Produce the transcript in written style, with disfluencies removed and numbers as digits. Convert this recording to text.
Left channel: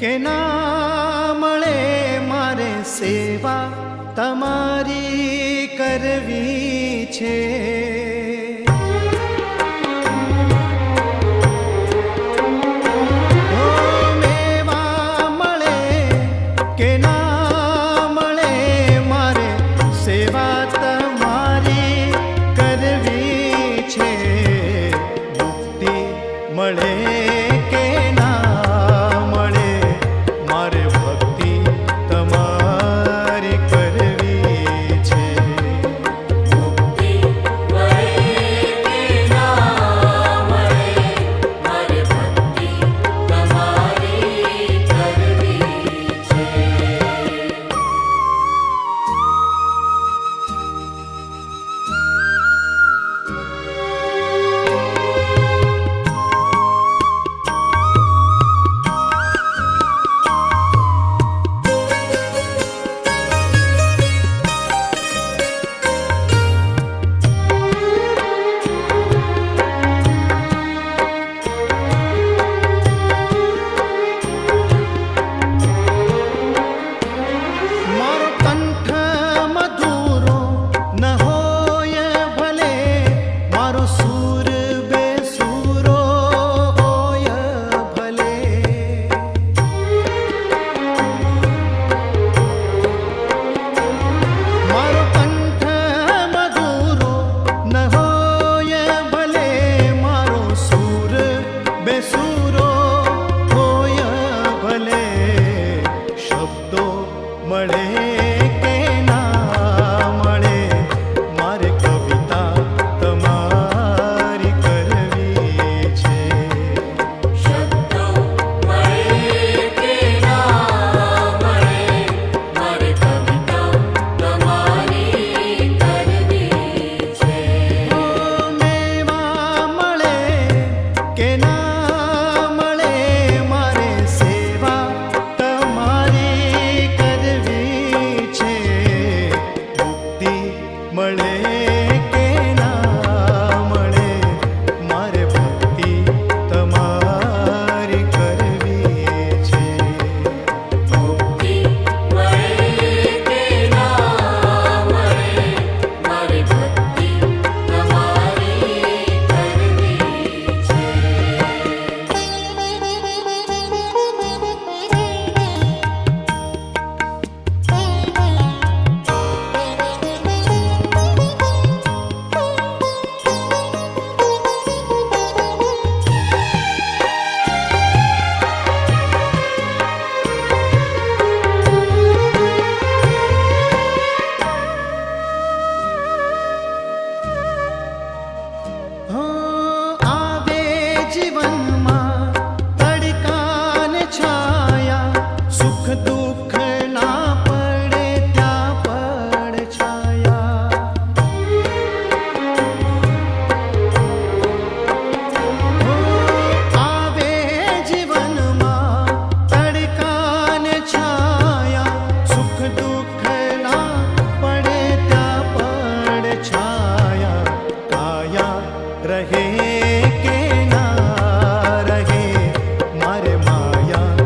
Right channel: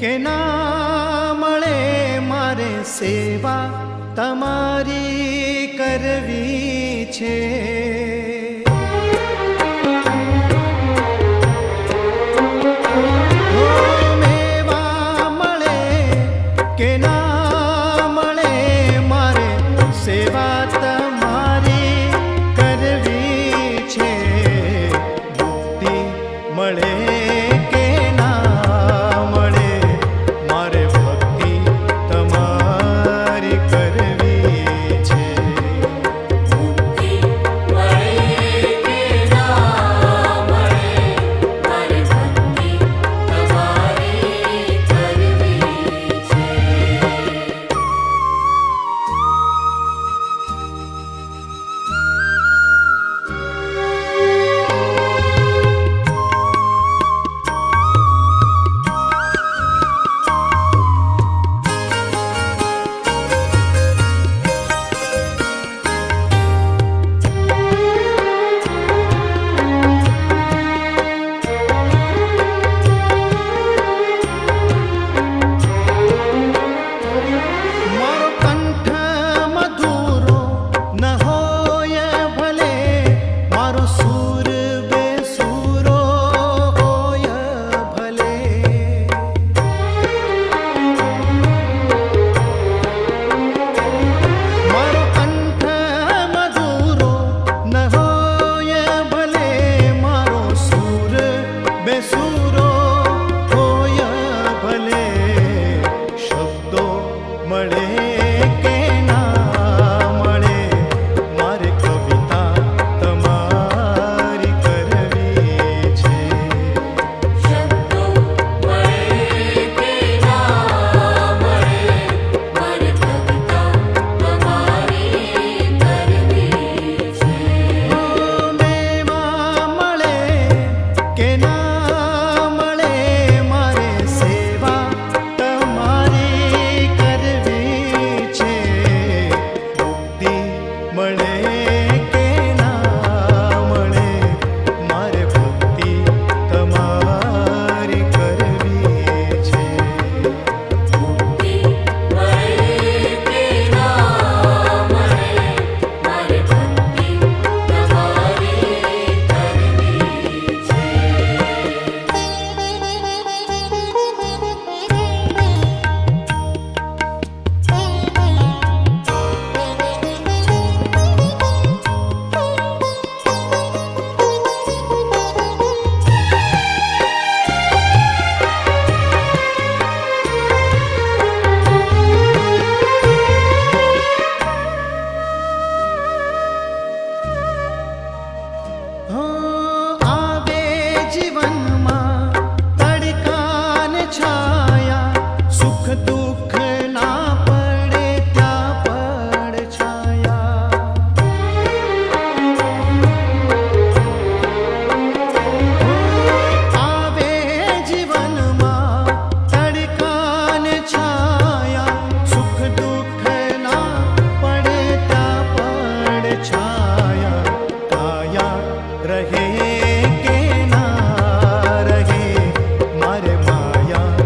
કે ના મળે મારે સેવા તમારી કરવી છે. મેવા મળે કે ના મળે મારે સેવા તમારી કરવી છે. મુક્તિ મળે કે ના મળે મારે ભક્તિ તમારી કરવી છે. બેસુરો હોય ભલે શબ્દો મળે કે ના મળે મારે કવિતા તમારી કરવી છે. શબ્દો મળે કે ના મળે મારે કવિતા તમારી કરવી છે. મેવા મળે કે ના મળે કે ના મળે મારે ભક્તિ તમારી કરવી છે. મુક્તિ મળે કે ના મળે મારે ભક્તિ તમારી કરવી છે. જીવનમાં તડકાને છાયા સુખ દુઃખ ના પડે ત્યાં પડ છાયા. આવે જીવનમાં તડકાને છાયા સુખ દુઃખ ના પડે ત્યાં પડ છાયા. કાયા રહે કે ના રહે મારે માયા